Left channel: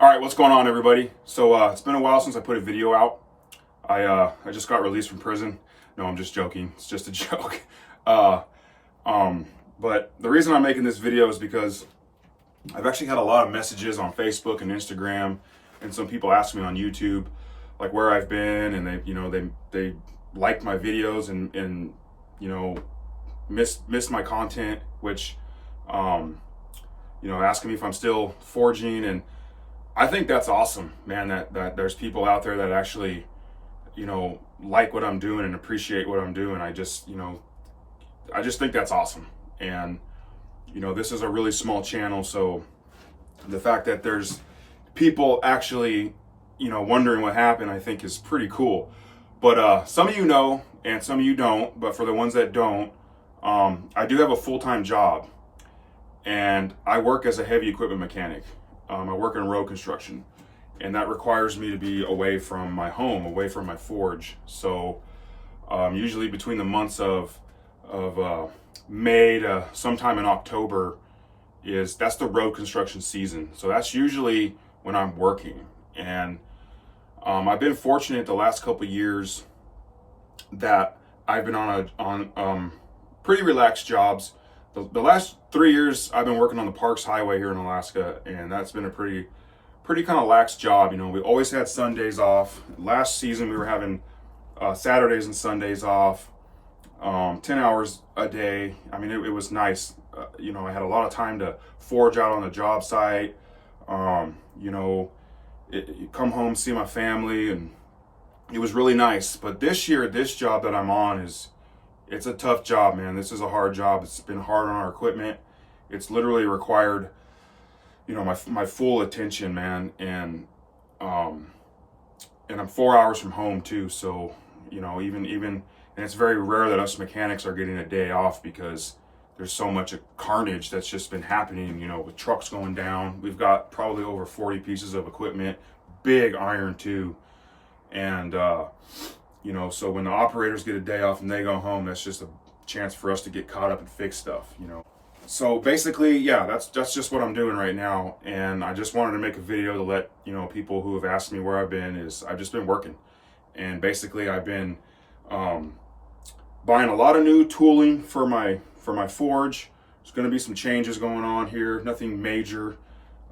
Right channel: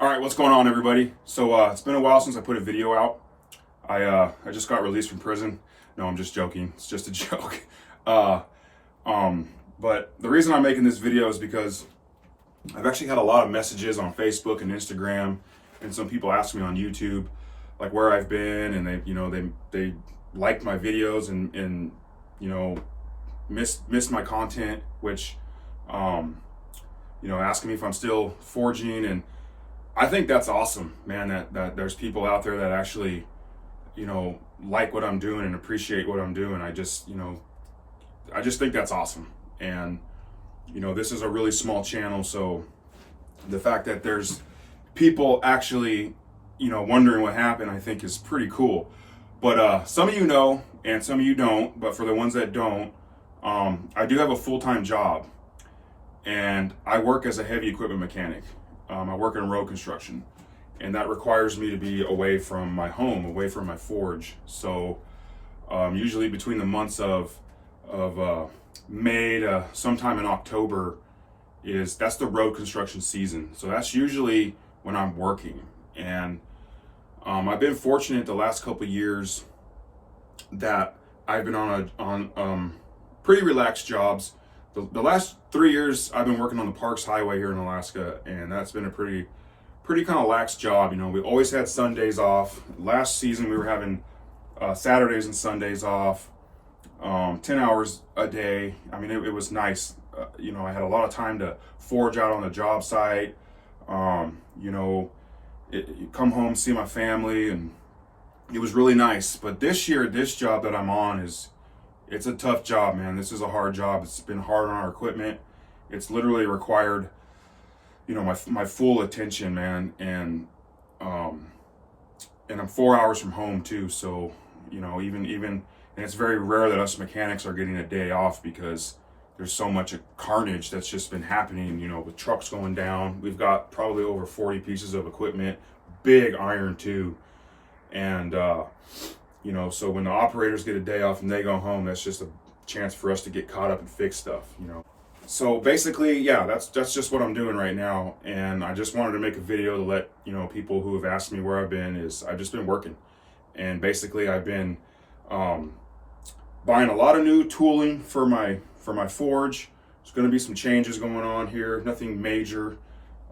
All right, what's going on, everybody? So it's been a while since I put a video out. I just got released from prison. No, I'm just joking. It's just a joke. Uh, but the reason I'm making this video is because I've actually had a lot of messages on Facebook and Instagram, and some people ask me on YouTube, like where I've been, and they liked my videos and missed my content, which asking me if I'm still forging. And I think that's awesome, man, that there's people out there that actually, like what I'm doing and appreciate what I'm doing. I just think that's awesome. And, this is a really small channel. So the fact that there's people actually, wondering what happened, I think is pretty cool. But some of you know, and some of you don't, but for the ones that don't, I do have a full-time job, and I work as a heavy equipment mechanic. I work in road construction, and that requires me to be away from my home, away from my forge. So usually between the months of May to sometime in October that's the road construction season. So that's usually when I'm working. And I've been fortunate the last couple of years that I've been on pretty relaxed jobs. The last 3 years I've been working on the Parks Highway here in Alaska, and that's been a pretty kind of lax job. We always had Sundays off. Last season we were having Saturdays and Sundays off, 10 hours a day. I mean, it was nice. I had a lot of time to forge out on the job site. Come home, see my family, and it was really nice. But this year, this job that I'm on it's a tough job, man. This is a hard job. It's been hard on our equipment. It's literally required, my full attention, man. And I'm 4 hours from home too. So, even, and it's very rare that us mechanics are getting a day off because there's so much carnage that's just been happening, with trucks going down. We've got probably over 40 pieces of equipment, big iron too. And, so when the operators get a day off and they go home, that's just a chance for us to get caught up and fix stuff, So basically, yeah, that's just what I'm doing right now. And I just wanted to make a video to let, people who have asked me where I've been is I've just been working. And basically I've been buying a lot of new tooling for my forge. There's going to be some changes going on here, nothing major.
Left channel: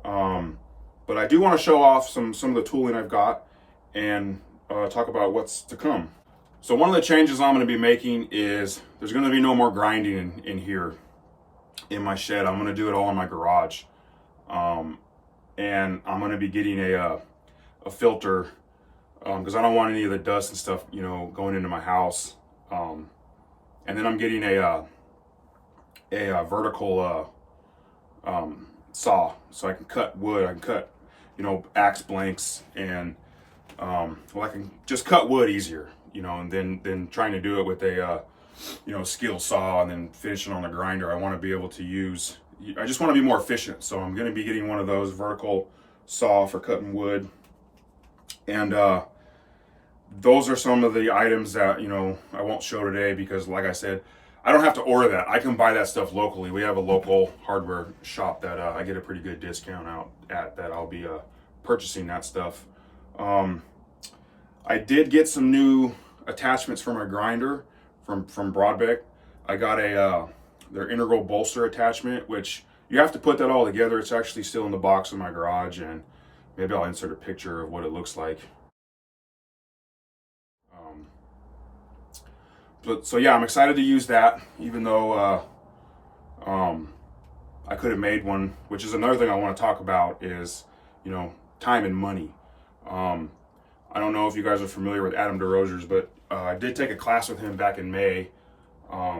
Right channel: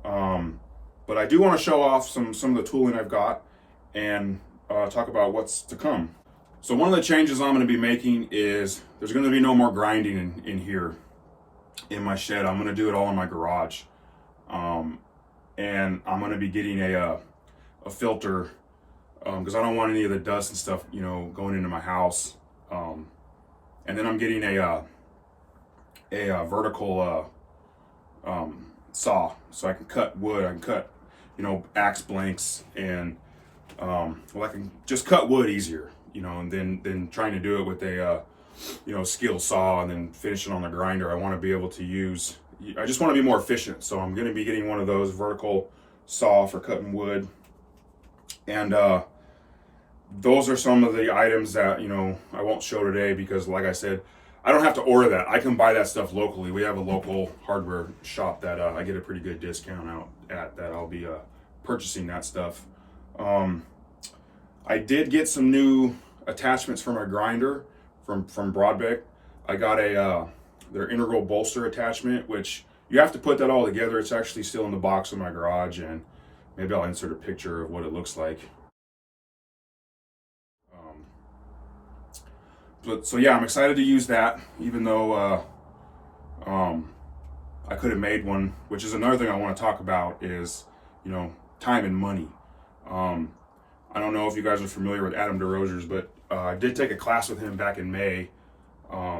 But I do want to show off some of the tooling I've got and talk about what's to come. So one of the changes I'm going to be making is there's going to be no more grinding in here in my shed. I'm going to do it all in my garage. And I'm going to be getting a filter because I don't want any of the dust and stuff, going into my house. And then I'm getting a vertical saw, so I can cut wood. I can cut, axe blanks, and I can just cut wood easier, and then trying to do it with a skill saw and then finish it on the grinder. I want to be able to I just want to be more efficient. So I'm going to be getting one of those vertical saw for cutting wood. And those are some of the items that, I won't show today because, like I said, I don't have to order that. I can buy that stuff locally. We have a local hardware shop that I get a pretty good discount out at, that I'll be purchasing that stuff. I did get some new attachments for my grinder from Broadbeck. I got their integral bolster attachment, which you have to put that all together. It's actually still in the box in my garage, and maybe I'll insert a picture of what it looks like. So yeah, I'm excited to use that, even though I could have made one, which is another thing I want to talk about is, time and money. I don't know if you guys are familiar with Adam DeRozers, but I did take a class with him back in May.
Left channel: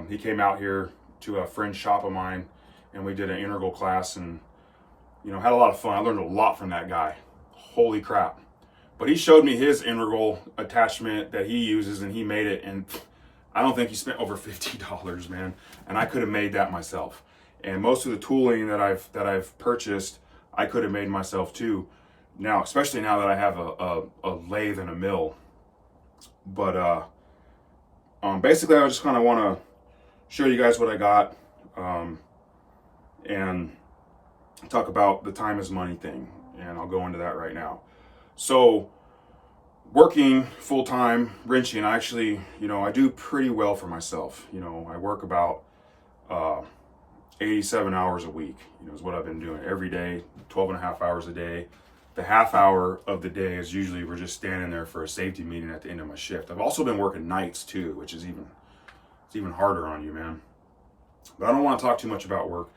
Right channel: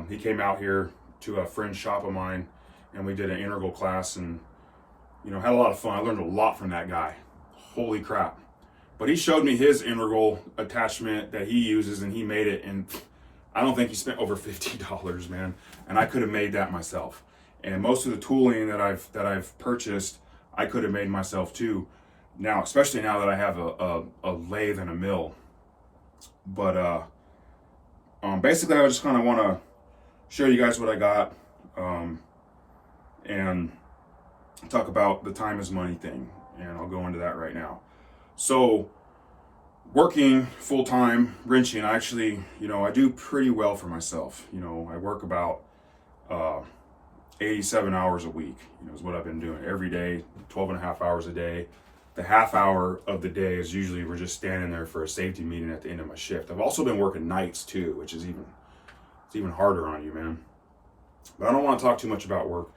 He came out here to a fringe shop of mine, and we did an integral class, and had a lot of fun. I learned a lot from that guy. Holy crap. But he showed me his integral attachment that he uses, and he made it, and I don't think he spent over $50, man. And I could have made that myself. And most of the tooling that I've purchased, I could have made myself too. Now, especially now that I have a lathe and a mill. But basically, I just kind of want to show you guys what I got, and talk about the time is money thing. and I'll go into that right now. So working full time wrenching, I actually, I do pretty well for myself. I work about 87 hours a week, is what I've been doing every day, 12 and a half hours a day. The half hour of the day is usually we're just standing there for a safety meeting at the end of my shift. I've also been working nights too, which is even harder on you, man. But I don't want to talk too much about work.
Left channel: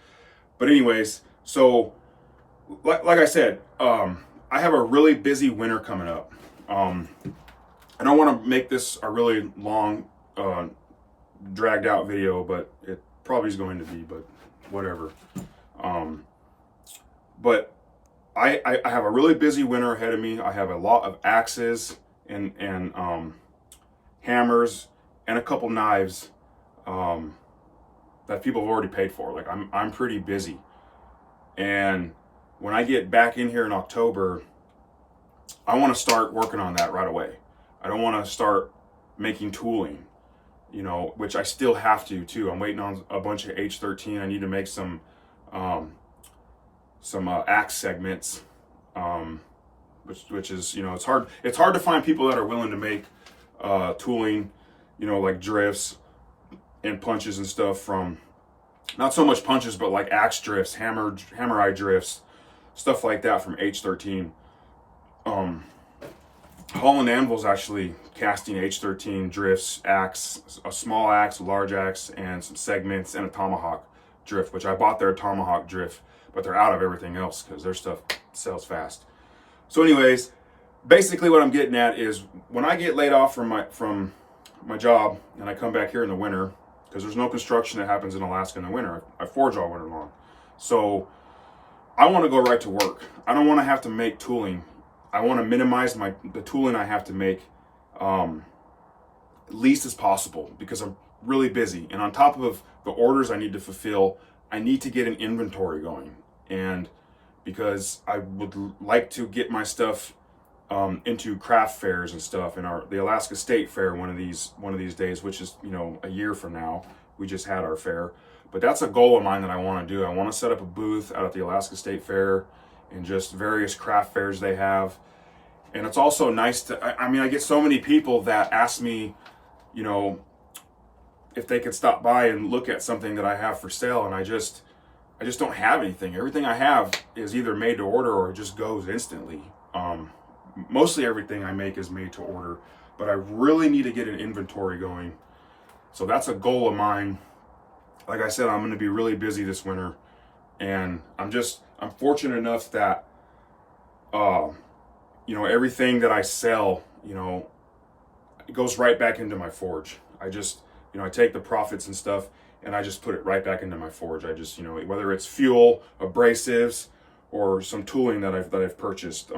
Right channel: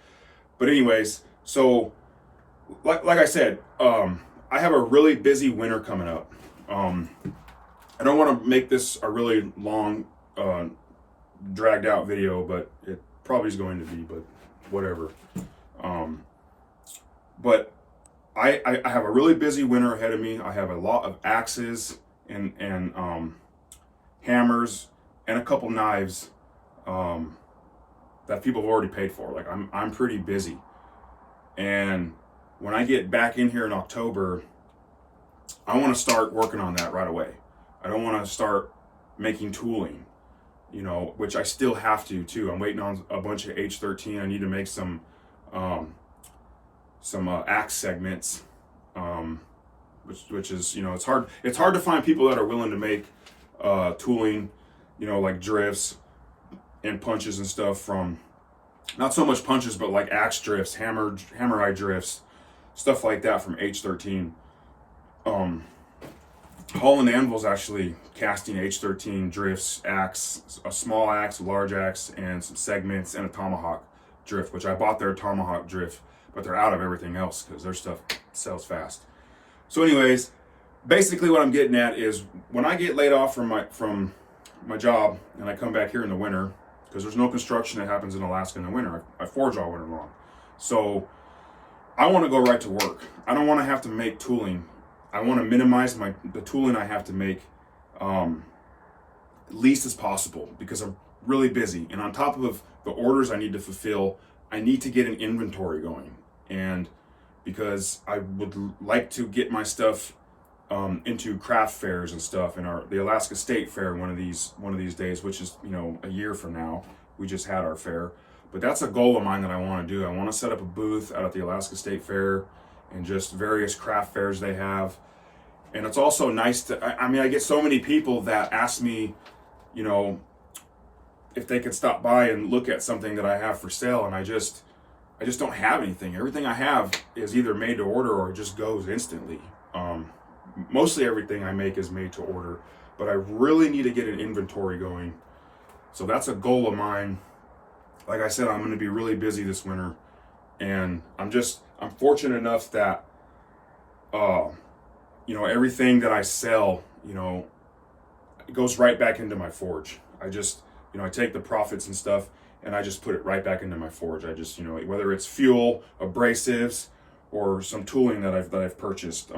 But anyways, so like I said, I have a really busy winter coming up. I don't want to make this a really long, dragged out video, but it probably is going to be, but whatever. But I have a really busy winter ahead of me. I have a lot of axes and hammers and a couple knives that people have already paid for. Like I'm pretty busy. And when I get back in here in October, I want to start working on that right away. I don't want to start making tooling, which I still have to too. I'm waiting on a bunch of H13. I need to make some axe segments, which is, it's hard to find people that are willing to make tooling, like drifts and punches and stuff from, not so much punches, but like axe drifts, hammer eye drifts, stuff like that from H13. Holland Anvil's actually casting H13 drifts, axe, a small axe, a large axe, and some segments, and a tomahawk drift, which I bought their tomahawk drift, but they're out of everything else because their stuff sells fast. So anyways, basically what I'm getting at is when I get laid off from my job and I come back here in the winter, because there's no construction that happens in Alaska in the winter. I forge all winter long. So I want to go right to work. I don't want to have to make tooling. I want to minimize the tooling I have to make least as possible because I'm really busy. And on top of the orders I need to fulfill, I need to get an inventory going. And because I would like to get my stuff into craft fairs and stuff, and the Alaska State Fair one of these days, which is a year from now. We just had our fair, but that's a goal of mine that I want to do. I want to set up a booth out at the Alaska State Fair and just various craft fairs they have. And it's also nice to, I get so many people that ask me, if they could stop by and look at something that I have for sale, and I just don't have anything. Everything I have is either made to order or it just goes instantly. Mostly everything I make is made to order, but I really need to get an inventory going. So that's a goal of mine. Like I said, I'm going to be really busy this winter, and I'm fortunate enough that, everything that I sell, it goes right back into my forge. I take the profits and stuff and I just put it right back into my forge. I just, whether it's fuel, abrasives, or some tooling that I've purchased.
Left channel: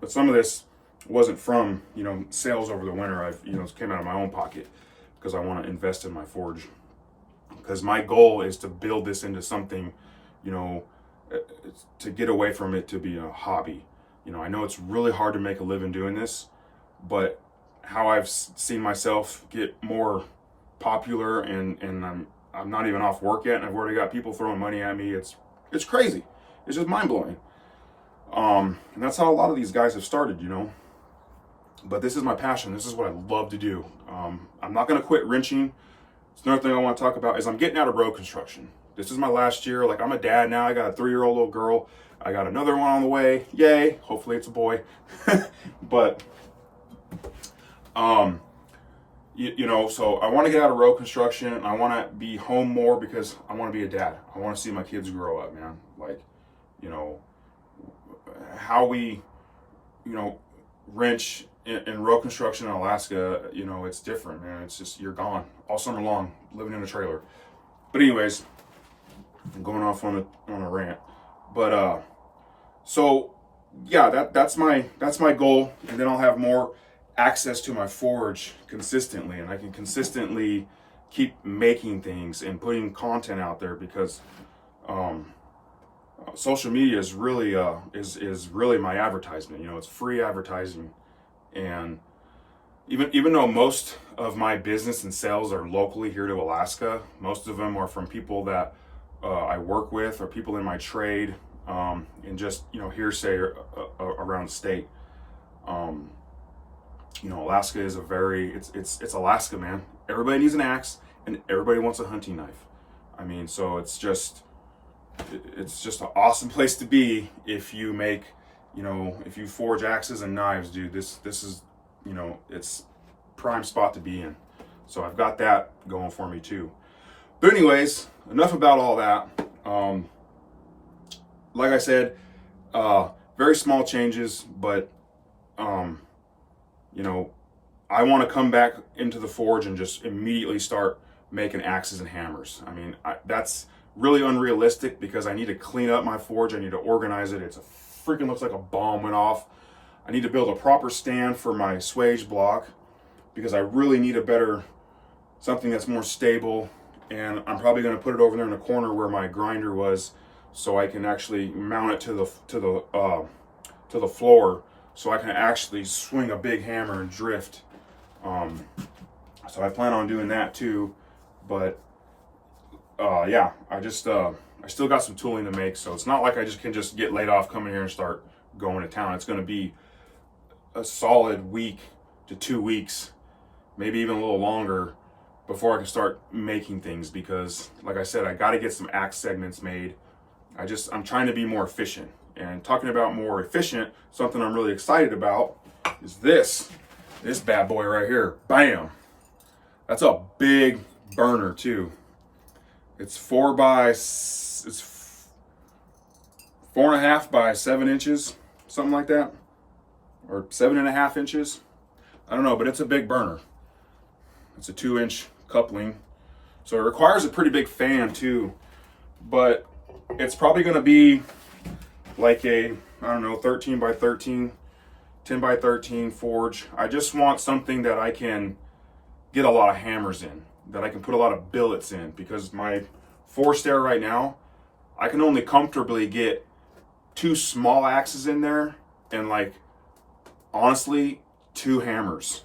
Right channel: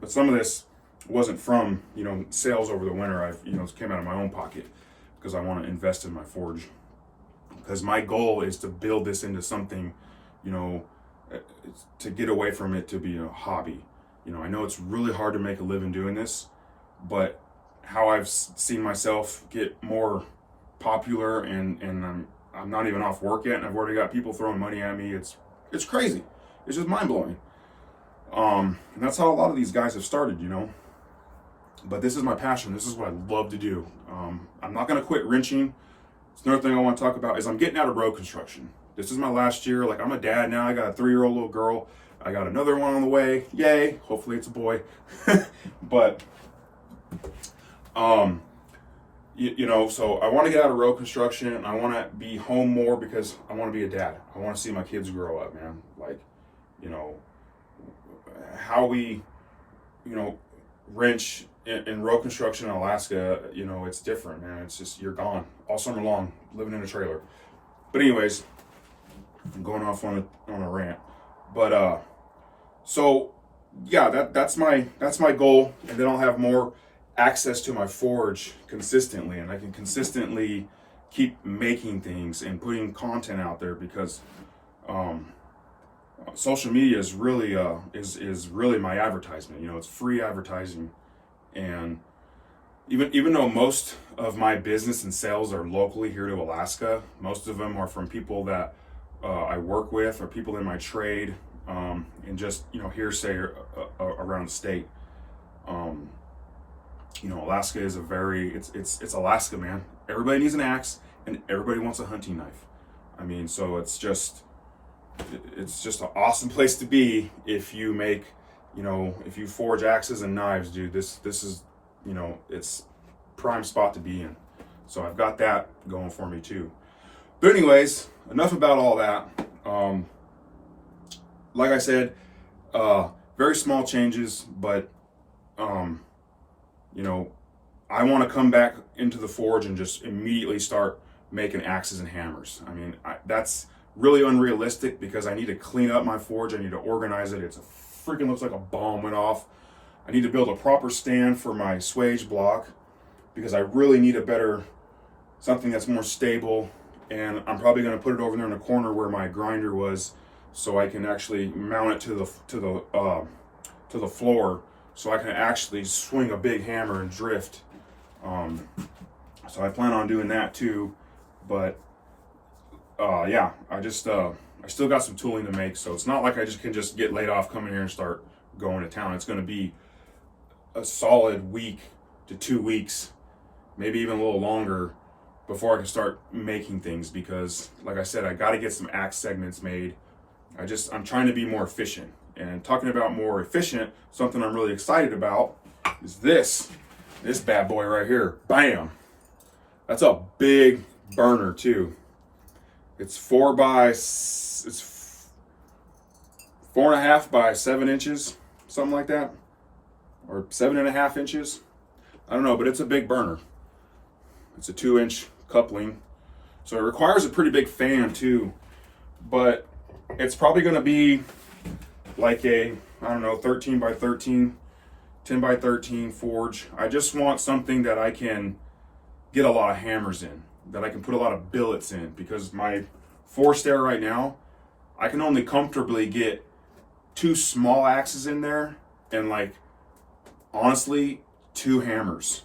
But some of this wasn't from, sales over the winter. It came out of my own pocket because I want to invest in my forge. Because my goal is to build this into something, to get away from it to be a hobby. I know it's really hard to make a living doing this, but how I've seen myself get more popular and I'm not even off work yet, and I've already got people throwing money at me. It's crazy. It's just mind blowing. And that's how a lot of these guys have started, But this is my passion. This is what I love to do. I'm not going to quit wrenching. It's another thing I want to talk about is I'm getting out of road construction. This is my last year. Like, I'm a dad now. I got a 3-year-old little girl. I got another one on the way. Yay. Hopefully it's a boy. But, so I want to get out of road construction. I want to be home more because I want to be a dad. I want to see my kids grow up, man. Like, how we, wrench in road construction in Alaska, it's different, man. It's just, you're gone all summer long, living in a trailer. But anyways, I'm going off on a rant. But so yeah, that's my goal, and then I'll have more access to my forge consistently, and I can consistently keep making things and putting content out there because social media is really is really my advertisement. It's free advertising, and even though most of my business and sales are locally here to Alaska, most of them are from people that I work with or people in my trade. and just, you know, hearsay around the state. You know, Alaska is a very, it's Alaska, man. Everybody needs an axe and everybody wants a hunting knife. I mean, so it's just an awesome place to be if you make, you know, if you forge axes and knives, dude. This is, you know, it's prime spot to be in. So I've got that going for me too. But anyways, enough about all that. Like I said, very small changes, but you know, I want to come back into the forge and just immediately start making axes and hammers. I mean, that's really unrealistic because I need to clean up my forge. I need to organize it. It's a freaking looks like a bomb went off. I need to build a proper stand for my swage block because I really need something that's more stable. And I'm probably going to put it over there in the corner where my grinder was, so I can actually mount it to the floor, so I can actually swing a big hammer and drift. So I plan on doing that too, but yeah, I still got some tooling to make, so it's not like I can just get laid off, come in here and start going to town. It's going to be a solid week to 2 weeks, maybe even a little longer, before I can start making things, because like I said, I got to get some axe segments made. I'm trying to be more efficient. And talking about more efficient, something I'm really excited about is this bad boy right here. Bam! That's a big burner too. It's 4.5 by 7 inches, something like that, or 7.5 inches. I don't know, but it's a big burner. It's a 2-inch coupling, so it requires a pretty big fan too. But it's probably going to be like a, I don't know, 13 by 13, 10 by 13 forge. I just want something that I can get a lot of hammers in, that I can put a lot of billets in, because my forge there right now, I can only comfortably get 2 small axes in there and, like, honestly, 2 hammers.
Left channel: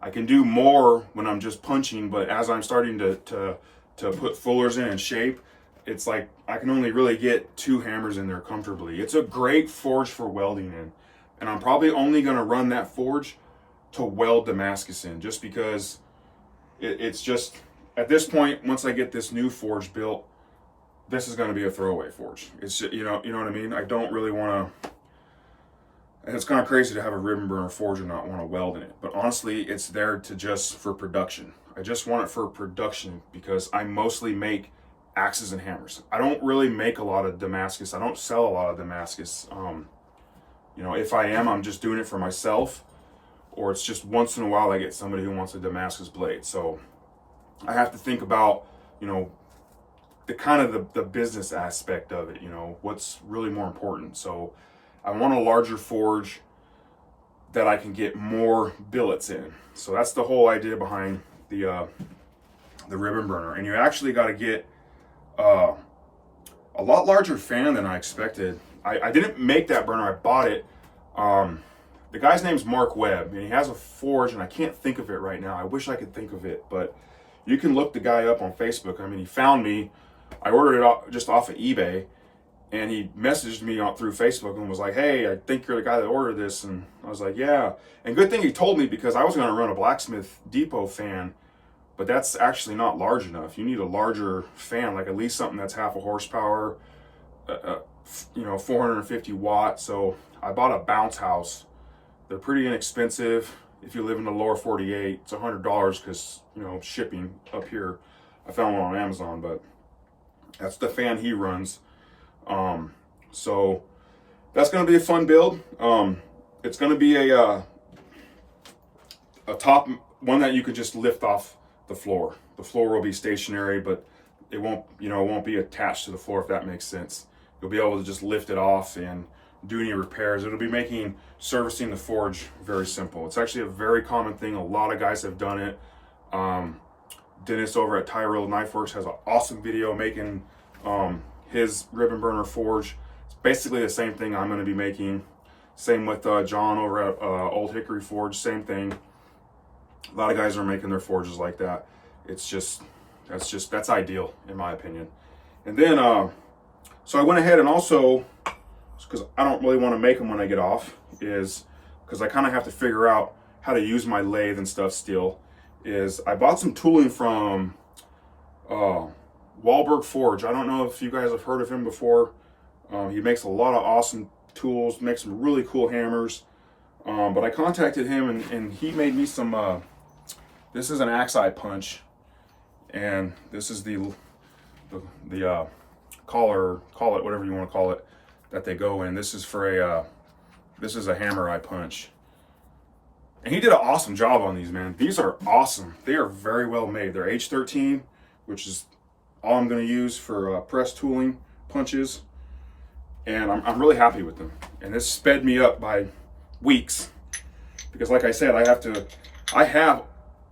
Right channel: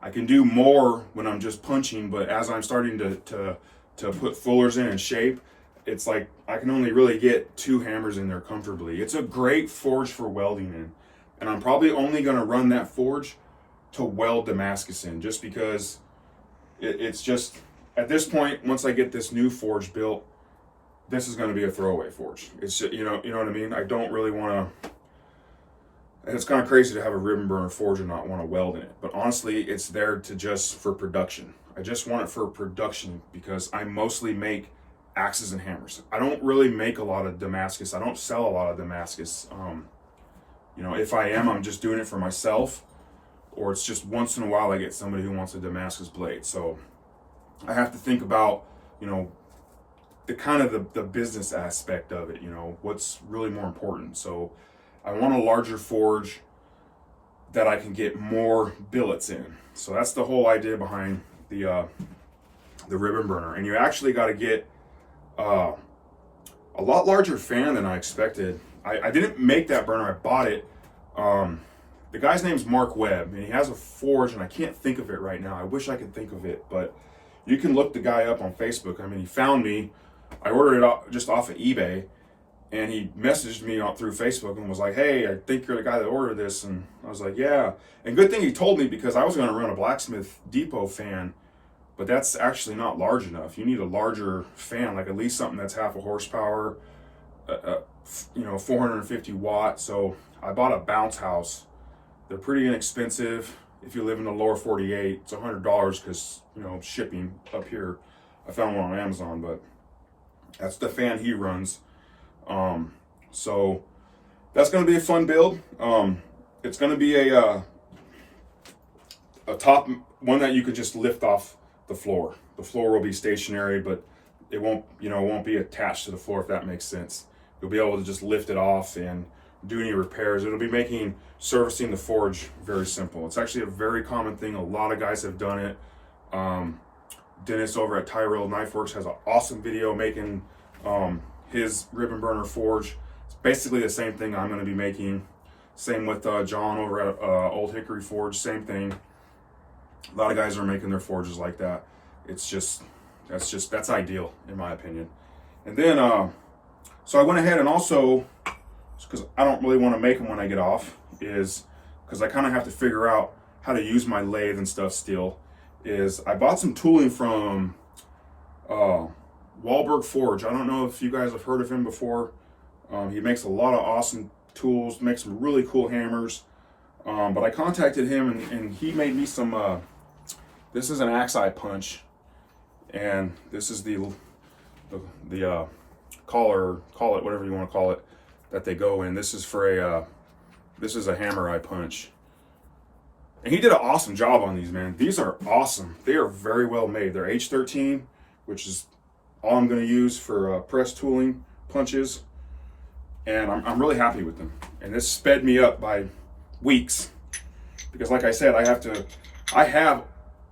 I can do more when I'm just punching, but as I'm starting to put fullers in and shape, it's like I can only really get 2 hammers in there comfortably. It's a great forge for welding in, and I'm probably only going to run that forge to weld Damascus in, just because it's just, at this point, once I get this new forge built, this is going to be a throwaway forge. It's just, you know what I mean? I don't really want to, and it's kind of crazy to have a ribbon burner forge and not want to weld in it, but honestly, it's there to just for production. I just want it for production because I mostly make axes and hammers. I don't really make a lot of Damascus. I don't sell a lot of Damascus. You know, if I am, I'm just doing it for myself, or it's just once in a while I get somebody who wants a Damascus blade. So I have to think about, you know, the kind of the business aspect of it, you know, what's really more important. So I want a larger forge that I can get more billets in. So that's the whole idea behind the ribbon burner. And you actually got to get a lot larger fan than I expected. I didn't make that burner, I bought it. The guy's name's Mark Webb, and he has a forge, and I can't think of it right now. I wish I could think of it, but you can look the guy up on Facebook. I mean, he found me. I ordered it just off of eBay, and he messaged me through Facebook and was like, hey, I think you're the guy that ordered this. And I was like, yeah. And good thing he told me, because I was going to run a Blacksmith Depot fan, but that's actually not large enough. You need a larger fan, like at least something that's half a horsepower, you know, 450 watts. So I bought a Bounce House. They're pretty inexpensive. If you live in the lower 48, it's $100 because, you know, shipping up here. I found one on Amazon, but that's the fan he runs. So that's going to be a fun build. It's going to be a top one that you could just lift off the floor. The floor will be stationary, but it won't be attached to the floor, if that makes sense. You'll be able to just lift it off and do any repairs. It'll be making servicing the forge very simple. It's actually a very common thing. A lot of guys have done it. Dennis over at Tyrell Knife Works has an awesome video making his ribbon burner forge. It's basically the same thing I'm going to be making. Same with John over at Old Hickory Forge, same thing. A lot of guys are making their forges like that. It's just that's ideal in my opinion. And then So I went ahead and also, because I don't really want to make them when I get off, is because I kind of have to figure out how to use my lathe and stuff still, is I bought some tooling from Wahlberg Forge. I don't know if you guys have heard of him before. He makes a lot of awesome tools, makes some really cool hammers. But I contacted him and he made me some, this is an axe eye punch. And this is the collar, call it whatever you want to call it, that they go in. This is for this is a hammer eye punch. And he did an awesome job on these, man. These are awesome. They are very well made. They're H13, which is all I'm going to use for press tooling punches. And I'm really happy with them. And this sped me up by weeks. Because like I said, I have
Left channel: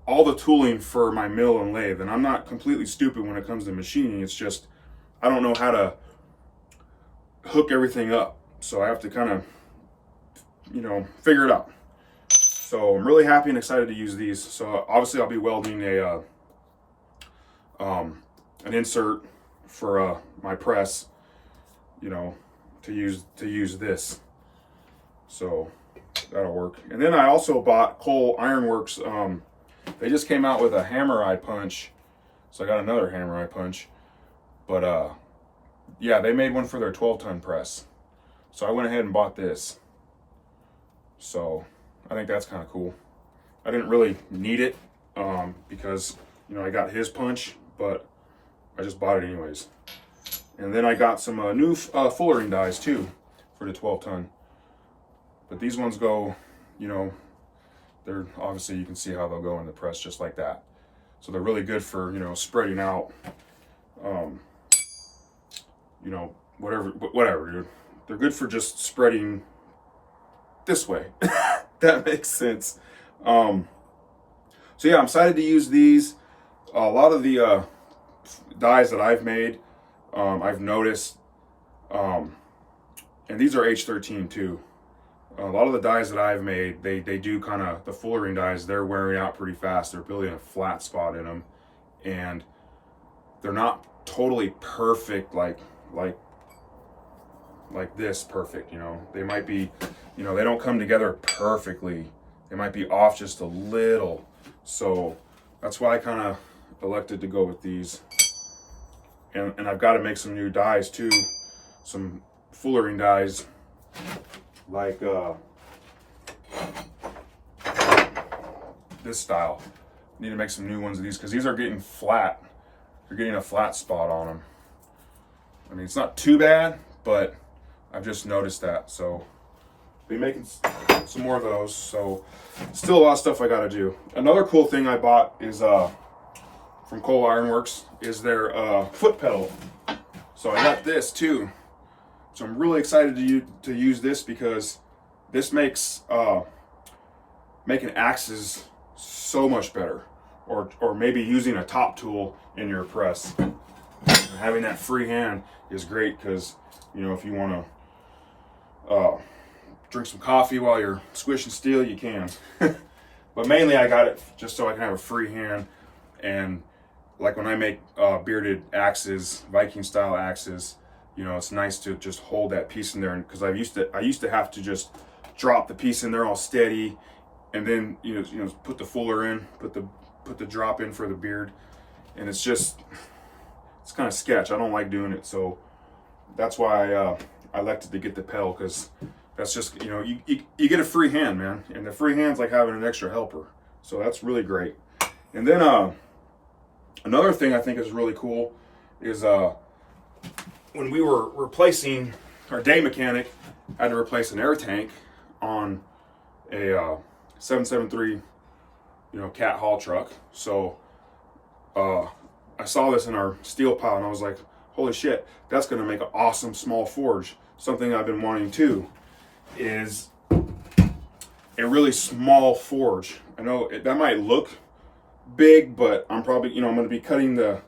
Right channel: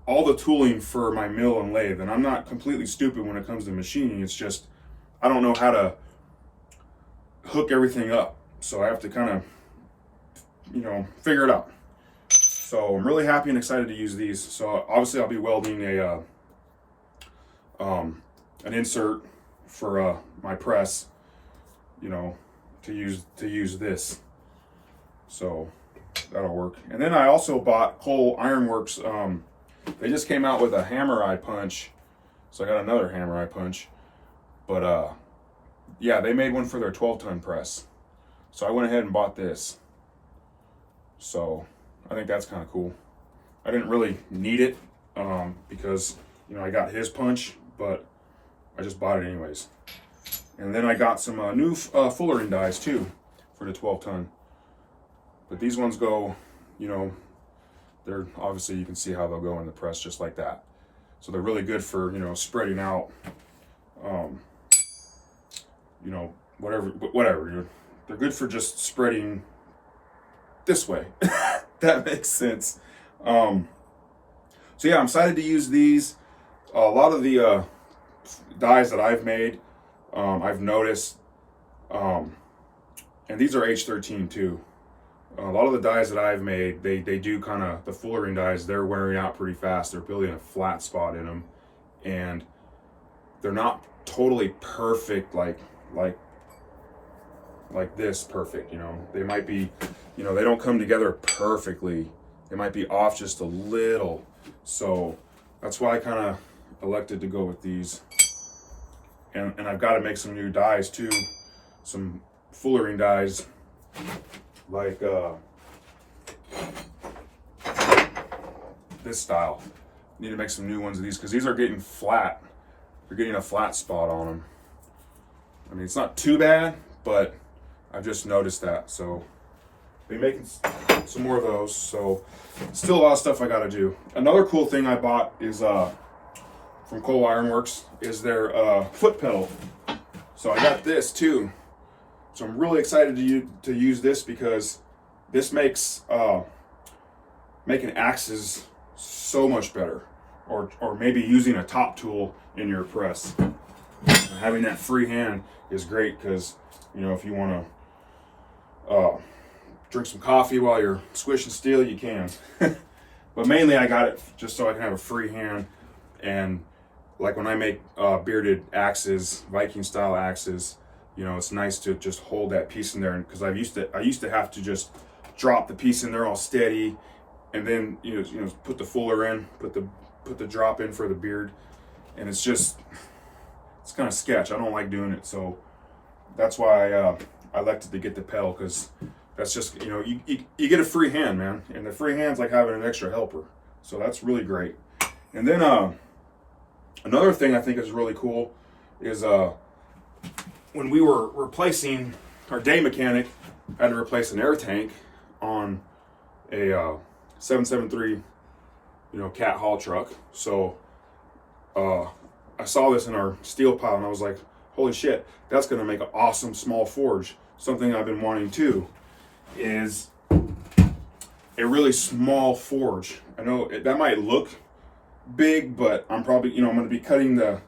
all the tooling for my mill and lathe. And I'm not completely stupid when it comes to machining. It's just, I don't know how to hook everything up. So I have to kind of, figure it out. So I'm really happy and excited to use these. So obviously I'll be welding an insert for my press, to use this. So that'll work. And then I also bought Cole Ironworks. They just came out with a hammer eye punch. So I got another hammer eye punch. But yeah, they made one for their 12-ton press. So I went ahead and bought this. So I think that's kind of cool. I didn't really need it because, I got his punch, but I just bought it anyways. And then I got some new fullering dies too for the 12-ton. But these ones go, they're obviously, you can see how they'll go in the press just like that. So they're really good for, spreading out, whatever, dude. They're good for just spreading this way. That makes sense. So yeah, I'm excited to use these. A lot of the dies that I've made, I've noticed, and these are H13 too. A lot of the dies that I've made, they do kind of, the fullering dies, they're wearing out pretty fast. They're building a flat spot in them, and they're not totally perfect like this perfect, they might be, they don't come together perfectly. They might be off just a little. So that's why I kind of elected to go with these. And I've got to make some new dies too, some fullering dies, like this style. Need to make some new ones of these because these are getting flat. They're getting a flat spot on them. I mean, it's not too bad, but I've just noticed that. So be making some more of those. So still a lot of stuff I got to do. Another cool thing I bought is from Cole Ironworks is their foot pedal. So I got this too. So I'm really excited to use this because this makes making axes so much better, or maybe using a top tool in your press. Having that free hand is great because if you want to drink some coffee while you're squishing steel, you can. But mainly I got it just so I can have a free hand, and like when I make bearded axes, Viking style axes, it's nice to just hold that piece in there, because I used to have to just drop the piece in there all steady, and then put the fuller in, put the drop in for the beard, and it's kind of sketch. I don't like doing it, so that's why I elected to get the pedal, because that's just you get a free hand, man, and the free hand's like having an extra helper, so that's really great. And then another thing I think is really cool is when we were replacing, our day mechanic had to replace an air tank on a 773 cat haul truck. So I saw this in our steel pile and I was like, holy shit, that's going to make an awesome small forge. Something I've been wanting to is a really small forge. I know that might look big, but I'm probably, I'm going to be cutting the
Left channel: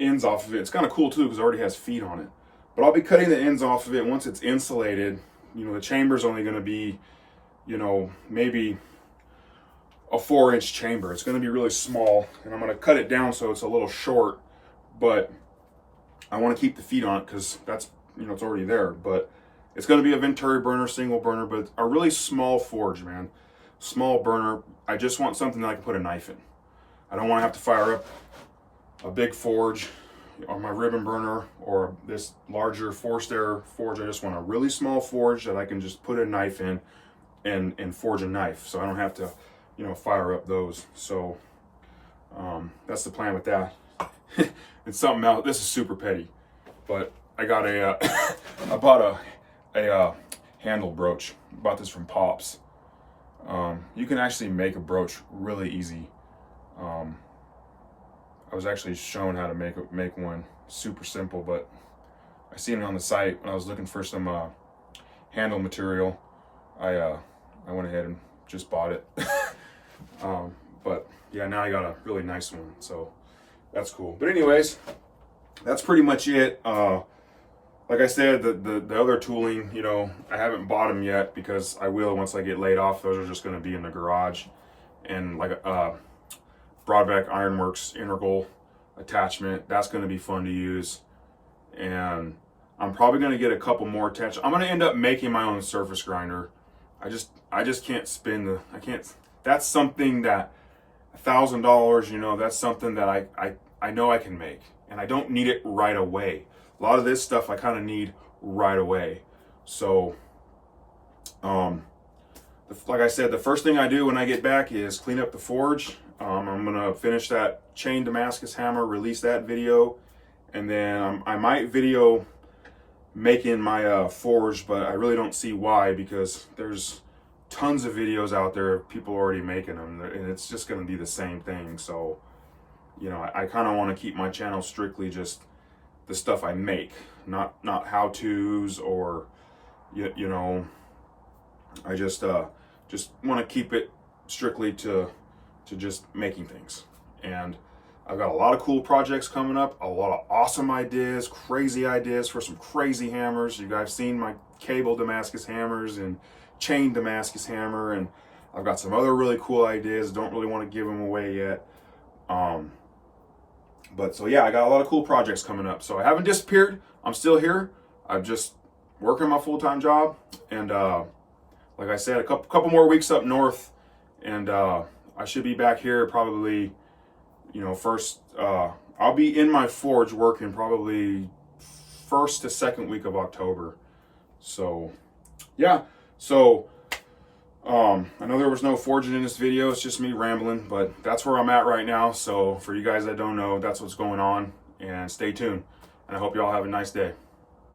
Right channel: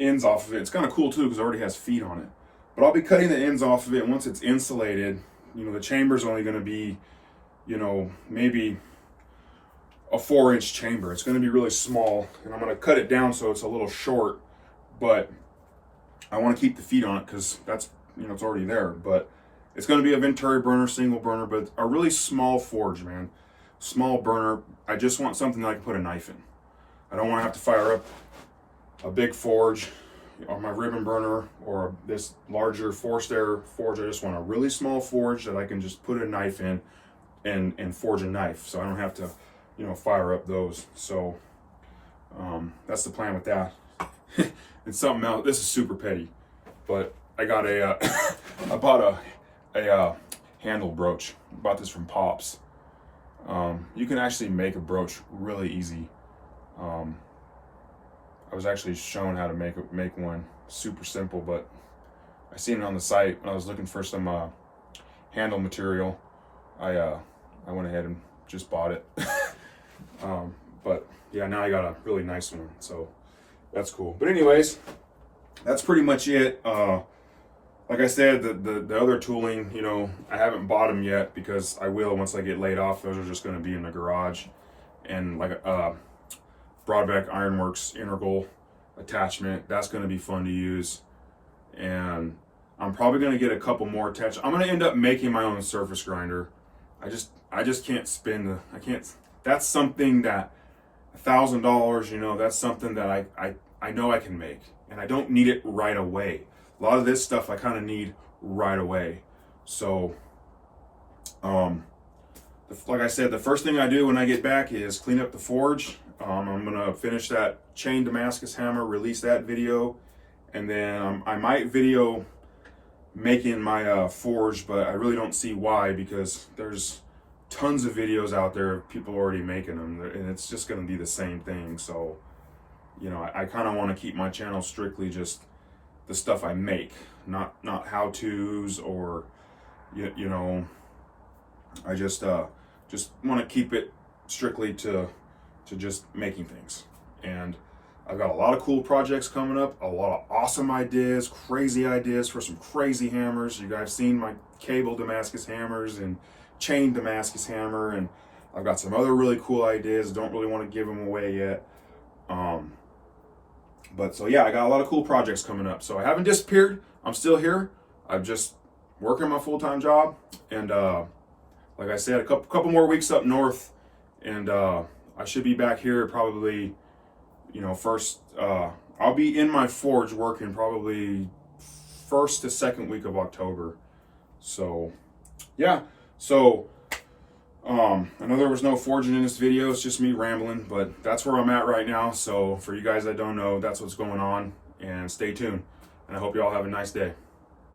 ends off of it. It's kind of cool too because it already has feet on it. But I'll be cutting the ends off of it once it's insulated. The chamber's only going to be, maybe a 4-inch chamber. It's going to be really small, and I'm going to cut it down so it's a little short, but I want to keep the feet on it because that's, you know, it's already there. But it's going to be a Venturi burner, single burner, but a really small forge, man. Small burner. I just want something that I can put a knife in. I don't want to have to fire up a big forge on my ribbon burner or this larger forced air forge. I just want a really small forge that I can just put a knife in and forge a knife, so I don't have to, you know, fire up those. So that's the plan with that. It's something else. This is super petty, but I got a I bought a handle brooch. Bought this from Pops. You can actually make a brooch really easy. I was actually shown how to make one, super simple, but I seen it on the site when I was looking for some handle material. I went ahead and just bought it. But yeah, now I got a really nice one, so that's cool. But anyways, that's pretty much it. Like I said, the other tooling, you know, I haven't bought them yet because I will once I get laid off. Those are just going to be in the garage. And like Broadbeck Ironworks integral attachment, that's going to be fun to use. And I'm probably going to get a couple more attachments. I'm going to end up making my own surface grinder. I just can't spend that's something that $1,000, you know, that's something that I know I can make, and I don't need it right away. A lot of this stuff I kind of need right away. So like I said, the first thing I do when I get back is clean up the forge. I'm gonna finish that chain Damascus hammer, release that video, and then I might video making my forge, but I really don't see why, because there's tons of videos out there of people already making them, and it's just going to be the same thing. So, you know, I kind of want to keep my channel strictly just the stuff I make, not how-tos or you know, I just want to keep it strictly to just making things. And I've got a lot of cool projects coming up, a lot of awesome ideas, crazy ideas for some crazy hammers. You guys have seen my cable Damascus hammers and chain Damascus hammer, and I've got some other really cool ideas. Don't really want to give them away yet. But so yeah, I got a lot of cool projects coming up. So I haven't disappeared. I'm still here. I'm just working my full-time job. And like I said, a couple more weeks up north, and I should be back here probably, you know, first, I'll be in my forge working probably first to second week of October. So yeah, so I know there was no forging in this video, it's just me rambling, but that's where I'm at right now. So for you guys that don't know, that's what's going on, and stay tuned, and I hope you all have a nice day.